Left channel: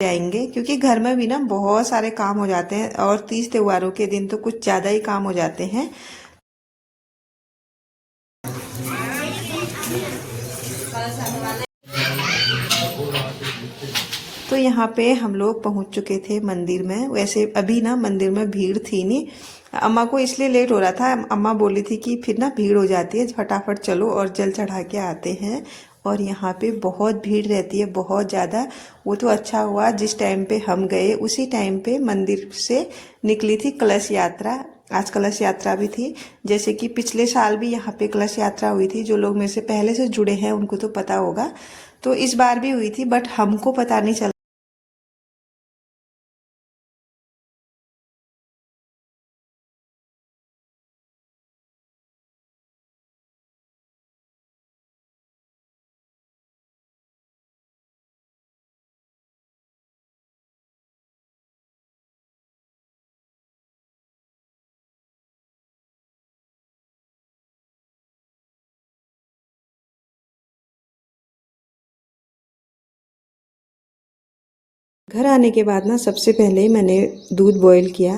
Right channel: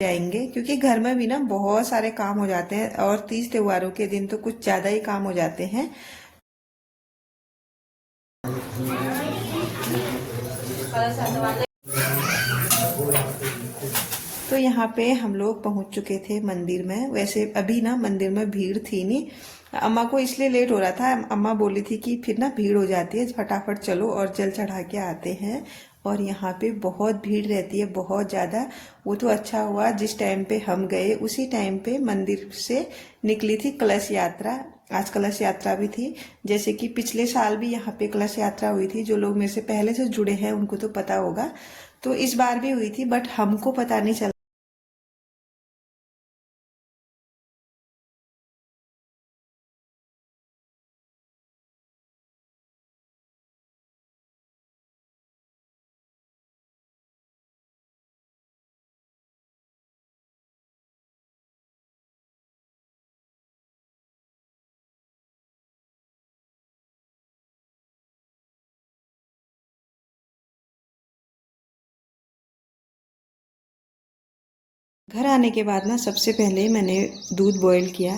जाएंगे, क्योंकि घर में भी ना बहुत सारे काम हो जाते हैं और तीज त्योहारों के दिन तो कुछ ज्यादा ही काम हो जाते हैं। तो यहाँ पे हम लोग पहुंच चुके थे मंदिर में। वैसे अभी ना मंदिर में भीड़ थी नहीं, अम्मा को इसलिए लेट हो रहा था। अम्मा बोली थी कि फिर ना भीड़ हो जाती है, फटाफट चलो और जल चढ़ा के आते हैं। और यहाँ पे बहुत भीड़ रहती है, बहुत ज़्यादा। वो तो अच्छा हुआ जिस टाइम पे हम गए उसी टाइम पे मंदिर से निकली थी कलश यात्रा। आज कलश यात्रा भी थी, जैसे कि पिछले साल भी यहाँ पे कलश यात्रा हुई थी। जो लोग मेरे से पहले से जुड़े हैं उनको तो पता होगा। तो इस बार भी हुई थी, बट हमको पता नहीं चला। घर आने के बाद ना सबसे पहले मैंने दूध बॉईल किया,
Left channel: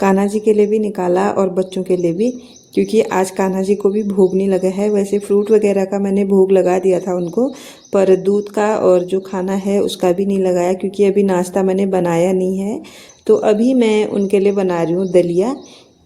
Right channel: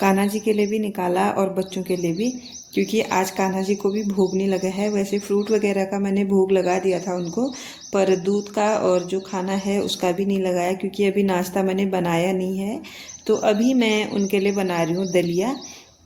कान्हा जी के लिए भी निकाला और बच्चों के लिए भी, क्योंकि आज कान्हा जी को भी भोग नहीं लगा है। वैसे फ्रूट वगैरह का मैंने भोग लगा दिया था उनको, पर दूध का और जो खाना है उसका भी नहीं लगाया, क्योंकि अभी नाश्ता मैंने बनाया नहीं है। तो अभी मैं उनके लिए बना रही हूँ दलिया।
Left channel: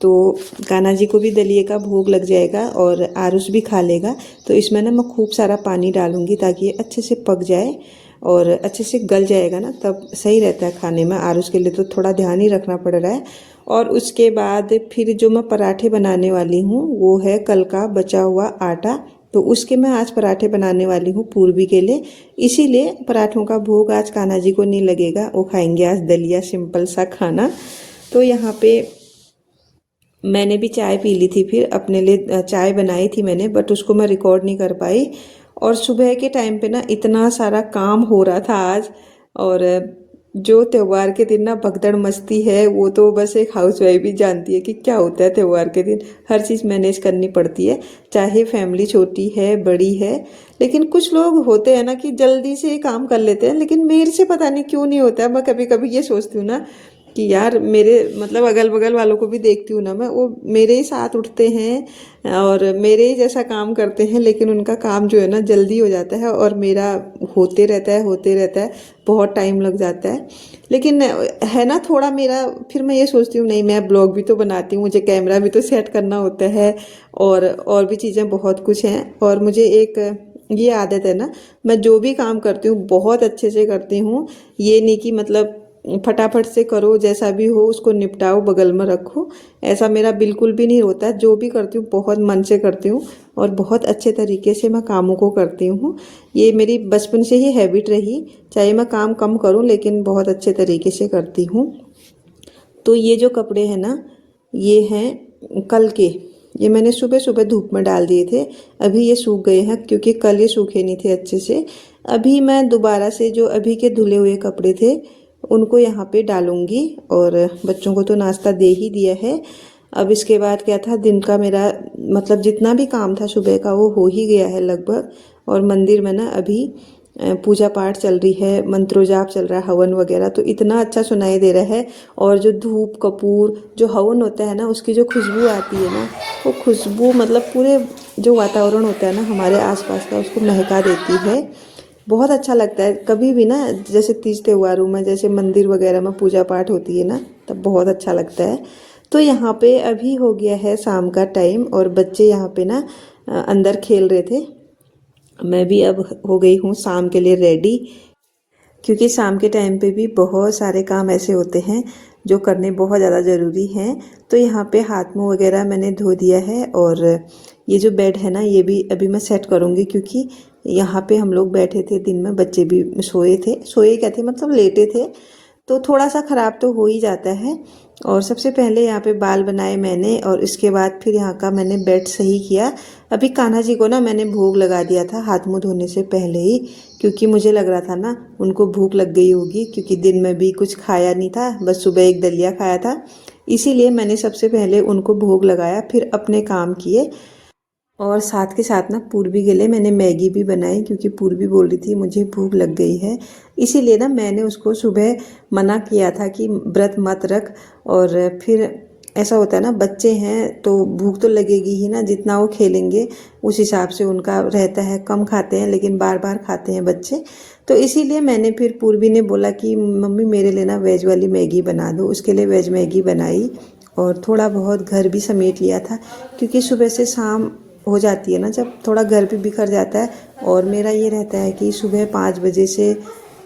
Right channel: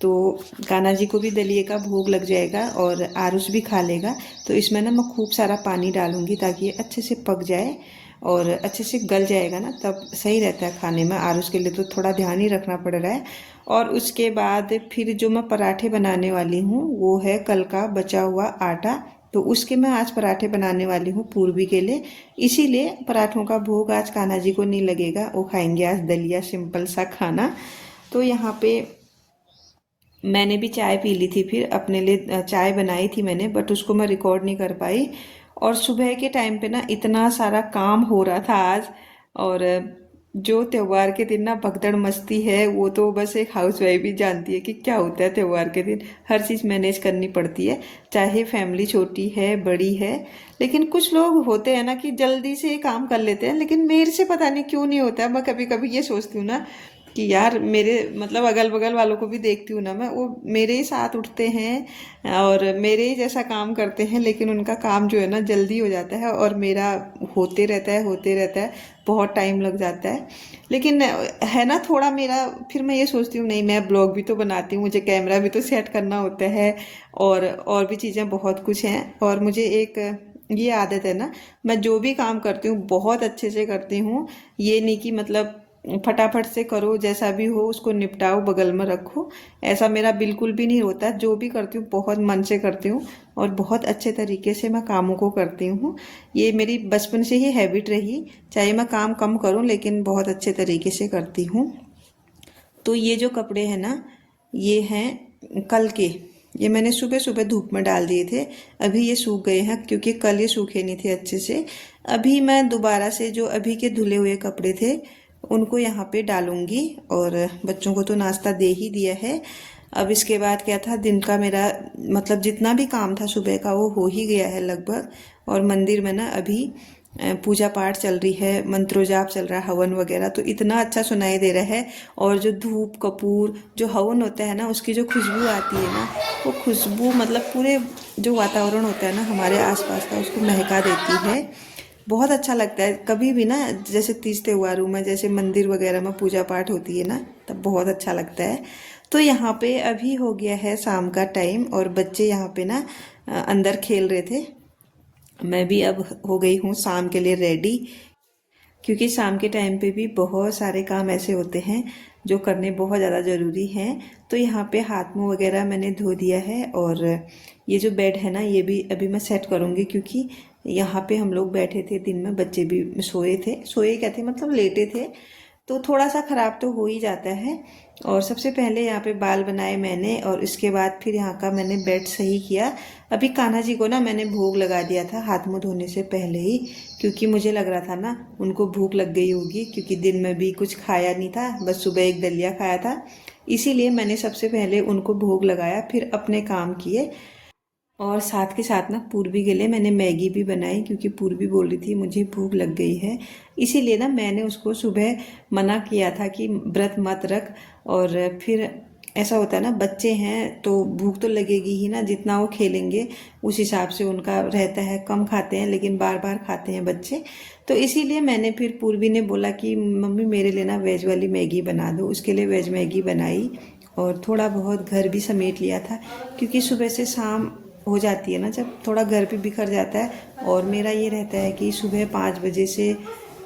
तो कान्हा जी को भी दलिए का भोग लग जाएगा और आरुष भी खा लेगा। तो इसमें ना मैं खूब सारा पानी डालूंगी ताकि ये अच्छे से पक जाए और अच्छे से गल जाएगा ना, तब सही रहता है खाने में। आरुष के लिए तो थोड़ा ध्यान ही रखना पड़ रहा है। और उसके बाद फिर जो मैं पराठे बनाने वाली हूँ वो है कल का बचा हुआ आटा। तो उसके मैं आज पराठे बनाने वाली हूँ पूर्वी के लिए। इसीलिए पराठों का भोग आज कान्हा जी को नहीं लगेगा, वो खाएंगे आज दलिया, सिंपल सा खाना। तो यहाँ पे मैंने भी चाय पी ली थी, फिर अपने लिए चाय बनाई थी मैंने, बट उसको मैं रिकॉर्ड नहीं कर पाई। और सुबह के टाइम पे ना इतना सारा काम हो रहा था आज। और जो त्योहार के दिन ना भगदड़ मस्ती है वो तो बस एक हाउसवाइफ भी जानती है कि क्या होता है त्योहार के दिन। हर चीज़ मैनेज करनी पड़ती है, चाहे फैमिली छोटी है बड़ी है। लेकिन कुछ लोग होते हैं ना कि जल्दी से काम कर लेते हैं, लेकिन मेरे से पता नहीं क्यों नहीं होता है। मैं कभी कभी ये सोचती हूँ ना कि यार मेरे मतलब अगल बगल वालों को भी देखती हूँ ना मैं, वो मेरे ही साथ उठते हैं और मेरे ही जैसा काम करते हैं, लेकिन उनका काम जो है ना जल्दी हो जाता है और मेरा होते रहता है, बहुत टाइम लग जाता है। लेकिन है ना थोड़ा मेरा, फिर मैं ये सोचती हूँ नहीं, मैं ब्लॉग भी तो बनाती हूँ, मुझे कैमरा भी तो सेट करना होता है और भी चीज़ें बहुत कुछ हैं। और मुझे एक ये आदत है ना, मैं जो भी काम करती हूँ बहुत अच्छे से करती हूँ। ये नहीं कि मतलब फटाफट से करो, जैसा भी हो उसको निपटाओ, बगल में रखो, ऐसा मेरा बिल्कुल भी नहीं होता। जो भी करती हूँ बहुत मन से करती हूँ और बहुत अच्छे तरीके से मैं कामों को करती हूँ। ये मेरी बचपन से ही हैबिट रही, चाहे मैं काम कम करूँ लेकिन बहुत अच्छे तरीके से करती हूँ। तो ये जो कपड़े हैं ना, ये हैं कल के, ये मैंने सुबह सुबह धूप में डाल दिए थे। अभी ये सूख गए हैं क्योंकि कल ये सूखे नहीं थे अच्छे से। अभी मैं दोबारा से जो अभी के धुले हुए कपड़े थे उनको यहाँ पे डालूंगी। और बच्चों को तो नाश्ता दे ही दिया है। अब इसके बाद क्या था, दिन का मेरा मतलब जितना भी काम था सुबह का वो हो ही गया है लगभग। और मंदिर में ना अभी पूजा पाठ चल रही है, मंत्रोजाप चल रहा है, हवन वगैरह तो इतना अच्छा सुनाई दे रहा है। और जो धूप कपूर जो हवन होता है ना उसकी जो खुशबू आती है ना, वो खुशबू मतलब पूरे जो वातावरण होता है ना हमारे आसपास का उसको महका देती है। बहुत अच्छा लगता है। कभी भी ना जैसे तीज त्योहारों में जैसे मंदिर वगैरह में पूजा पाठ होती है ना, तब बहुत अच्छा लगता है। तो यहाँ पे अभी हो गया है शाम का टाइम और बच्चे यहाँ पे ना अंदर खेल रहे थे। मैं भी अब हो गई हूँ शाम के लिए रेडी, क्योंकि शाम के टाइम पे भी बहुत सारे काम ऐसे होते हैं जो करने बहुत ज़्यादा ज़रूरी हैं। तो यहाँ पे हाथ मुँह वगैरह मैंने धो दिया है और ये जो बेड है ना ये भी अभी मैं सेट करूँगी, क्योंकि यहाँ पे हम लोग बैठे थे दिन में, बच्चे भी सोए क्या थे मतलब लेटे थे, तो थोड़ा सा ख़राब तो हो ही जाता है। और सबसे पहले यहाँ पे बाल बनाए मैंने और इसके बाद फिर यहाँ का मैंने बेड सही किया। अभी कान्हा जी को ना मैंने भोग लगा दिया था हाथ मुँह धोने से पहले ही, क्योंकि मुझे लग रहा था ना उनको भूख लग गई होगी, क्योंकि दिन में भी कुछ खाया नहीं था, बस सुबह एक दलिया खाया था। इसीलिए मैंने सबसे पहले उनको भोग लगाया, फिर अपने काम किए। और साथ के साथ ना पूर्वी के लिए मैंने मैगी भी बनाई, क्योंकि पूर्वी बोल रही थी मुझे भूख लग गई है। इसीलिए ना मैंने उसको सुबह मना किया था कि व्रत मत रख। और फिर ऐसा होता है ना, बच्चे हैं तो भूख तो लगेगी ही ना, जितना वो खेलेंगे उस हिसाब से उनका रहता है। कम खाते हैं लेकिन बार बार खाते हैं बच्चे। तो इसीलिए मैंने फिर पूर्वी ने बोला कि मम्मी मेरे लिए ना वेज वाली मैगी बना दो। उसके लिए वेज मैगी बनाई और थोड़ा बहुत घर भी समेट लिया था, क्योंकि सुबह से शाम हो जाती है ना जब, थोड़ा घर भी बिखर जाता है। और मेरा ये रहता है कि सुबह 5 बजे से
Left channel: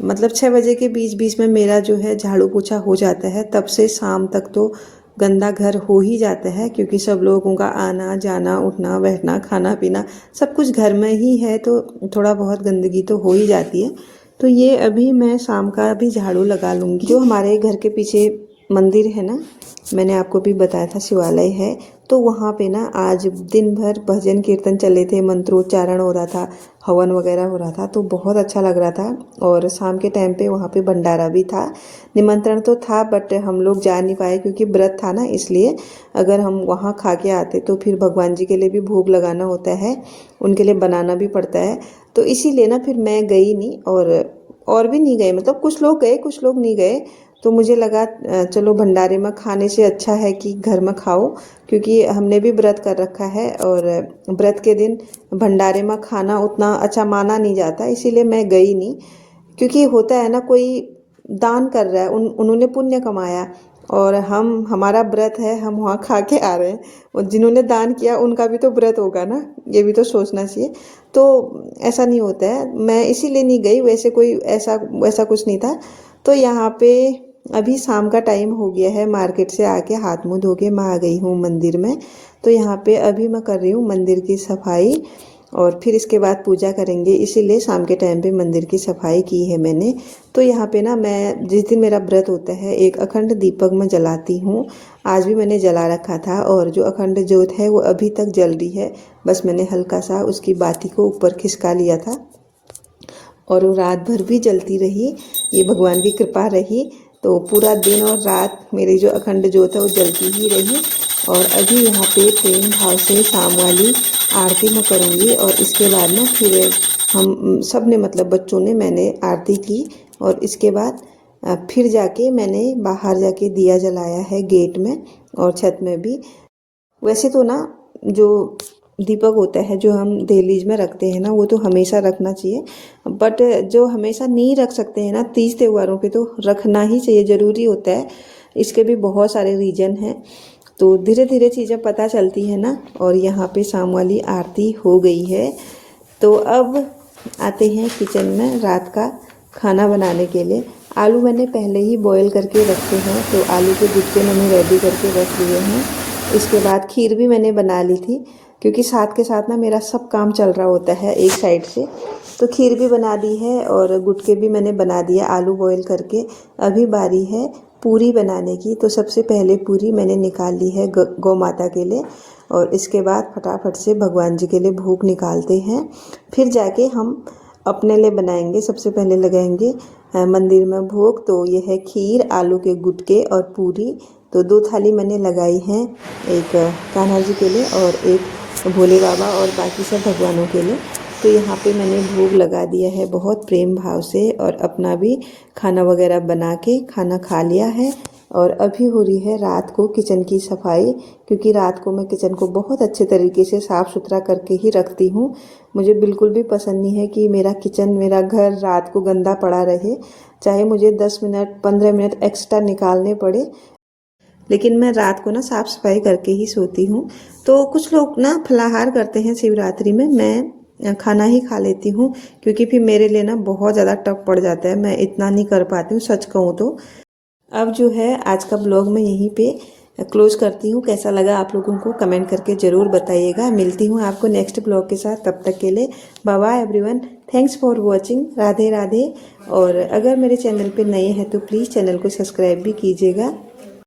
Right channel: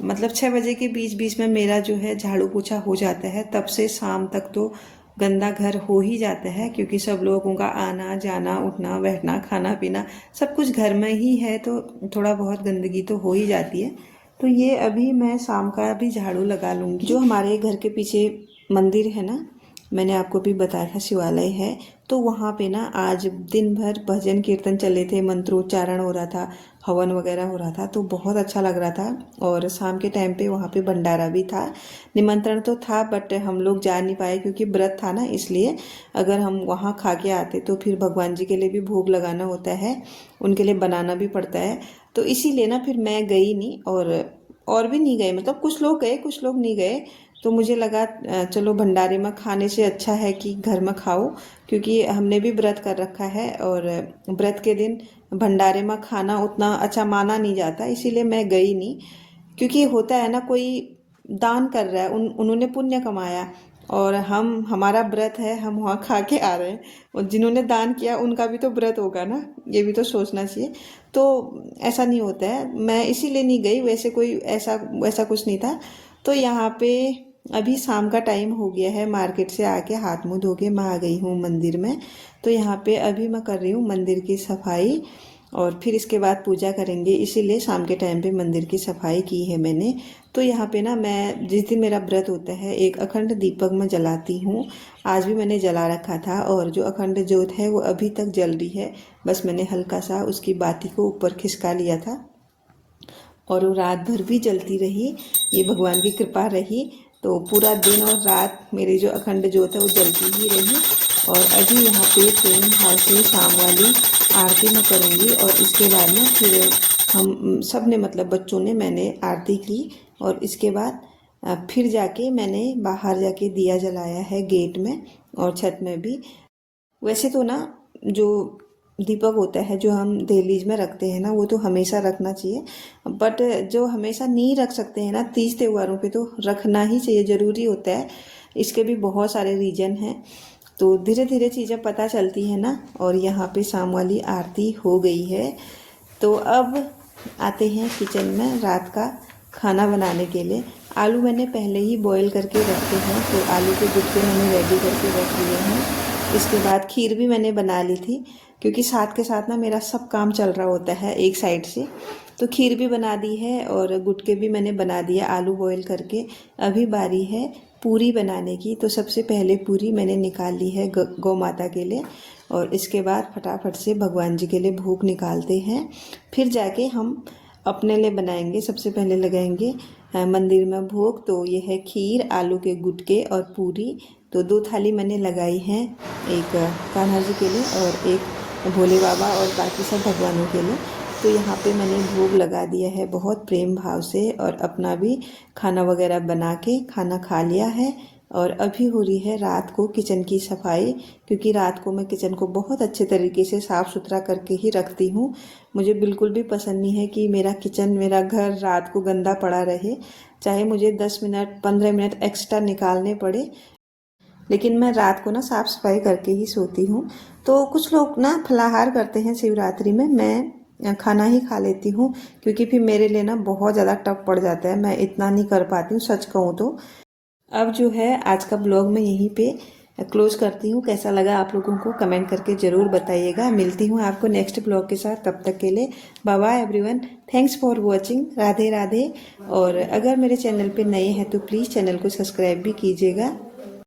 मतलब 6 बजे के बीच बीच में मेरा जो है झाड़ू पोछा हो जाता है। तब से शाम तक तो गंदा घर हो ही जाता है, क्योंकि सब लोगों का आना जाना, उठना बैठना, खाना पीना सब कुछ घर में ही है, तो थोड़ा बहुत गंदगी तो हो ही जाती है। तो ये अभी मैं शाम का भी झाड़ू लगा लूँगी। जो हमारे घर के पीछे मंदिर है ना, मैंने आपको भी बताया था शिवालय है, तो वहाँ पे ना आज दिन भर भजन कीर्तन चले थे, मंत्रोच्चारण हो रहा था, हवन वगैरह हो रहा था, तो बहुत अच्छा लग रहा था। और शाम के टाइम पे वहाँ पे भंडारा भी था। निमंत्रण तो था बट हम लोग जा नहीं पाए क्योंकि व्रत था ना, इसलिए। अगर हम वहाँ खा के आते तो फिर भगवान जी के लिए भी भोग लगाना होता है, उनके लिए बनाना भी पड़ता है। तो इसीलिए ना फिर मैं गई नहीं, और भी नहीं गए, मतलब कुछ लोग गए कुछ लोग नहीं गए। तो मुझे लगा चलो भंडारे में खाने से अच्छा है कि घर में खाओ, क्योंकि हमने भी व्रत कर रखा है और व्रत के दिन भंडारे में खाना उतना अच्छा माना नहीं जाता, इसीलिए मैं गई नहीं। क्योंकि होता है ना, कोई दान कर रहा है, उन्होंने पुण्य कमाया, और हमारा व्रत है, हम वहाँ खा के आ रहे हैं, और जिन्होंने दान किया उनका भी तो व्रत होगा ना, ये भी तो सोचना चाहिए। तो ऐसा नहीं होता है, मैं इसीलिए नहीं गई, वैसे कोई ऐसा वैसा कुछ नहीं था। तो यहाँ पे अभी शाम का टाइम हो गया है, मार्केट से आके हाथ मुंह धो के मैं आ गई हूँ मंदिर में। तो यहाँ पे अभी मैं कर रही हूँ मंदिर की सफाई, और फिर इसके बाद पूजा करेंगे, इसीलिए शाम के टाइम पे मंदिर की सफाई की है मैंने। तो यहाँ पे ना मैं जिस दिन मेरा व्रत होता है एक अखंड दीपक मैं जलाती हूँ। आज भी मैंने जला रखा था, और जो अखंड ज्योत है वो अभी तक जल रही है, बस मैंने हल्का सा उसकी बाती को ऊपर खिसका लिया था, और वो रात भर भी जलती रही। ये भगवान की कृपा रही, तो पूरा दिन और रात मेरी जो अखंड ज्योत है वो जलती ही रही। और अभी यहाँ पे प्रेम भाव से शाम वाली आरती मैं करूँगी, और इसके बाद ना फिर हम सब ने, मतलब बच्चों ने, मैंने आरती की, और इसके बाद फिर जाके मैंने बाहर जाके दिया जलाया है गेट में और छत में भी। वैसे तो ना जो दीपक होता है जो हम दहलीज में रखते हैं ना, वो तो हमेशा रखना चाहिए, बट जो हमेशा नहीं रख सकते हैं ना, तीज त्योहारों पे तो रखना ही चाहिए, ज़रूरी होता है। इसके भी बहुत सारे रीजन हैं, तो धीरे धीरे चीज़ें पता चलती है ना। और यहाँ पे शाम वाली आरती हो गई है, तो अब आते हैं किचन में रात का खाना बनाने के लिए। आलू मैंने पहले ही बॉईल करके रखे हैं, तो आलू के गुटके मैंने रेडी करके रख लिए हैं। इसके बाद खीर भी मैंने बना ली थी, क्योंकि साथ के साथ ना मेरा सब काम चल रहा होता है एक साइड से। तो खीर भी बना दी है और गुटके भी मैंने बना दिया आलू बॉईल करके। अभी बारी है पूरी बनाने की, तो सबसे पहले पूरी मैंने निकाल ली है गौ माता के लिए, और इसके बाद फटाफट से भगवान जी के लिए भोग निकालते हैं, फिर जाके हम अपने लिए बनाएंगे। सबसे पहले लगाएंगे मंदिर में भोग, तो ये है खीर, आलू के गुटके और पूरी। तो 2 थाली मैंने लगाई हैं, एक कान्हा जी के लिए और एक भोले बाबा और बाकी सब भगवानों के लिए। तो यहाँ पे मैंने भोग लगा दिया है बहुत प्रेम भाव से, और अपना भी खाना वगैरह बना के खाना खा लिया है। और अभी हो रही है रात को किचन की सफाई, क्योंकि रात को मैं किचन को बहुत अच्छे तरीके से साफ़ सुथरा करके ही रखती हूँ। मुझे बिल्कुल भी पसंद नहीं है कि मेरा किचन, मेरा घर रात को गंदा पड़ा रहे, चाहे मुझे 10 मिनट 15 मिनट एक्स्ट्रा निकालने पड़े, लेकिन मैं रात को ना साफ़ सफाई करके ही सोती हूँ। तो कुछ लोग ना फलाहार करते हैं शिवरात्रि में, मैं खाना ही खा लेती हूँ, क्योंकि फिर मेरे लिए ना बहुत ज़्यादा टफ पड़ जाता है, मैं इतना नहीं कर पाती हूँ सच कहूँ तो। अब जो है आज का ब्लॉग मैं यहीं पे क्लोज करती हूँ। कैसा लगा आप लोगों को कमेंट करके ज़रूर बताइएगा। मिलती हूँ आपको नेक्स्ट ब्लॉग के साथ, तब तक के लिए bye bye everyone. Thanks for watching. Radhe Radhe. और अगर मेरे चैनल पे नए हैं तो प्लीज़ चैनल को सब्सक्राइब भी कीजिएगा।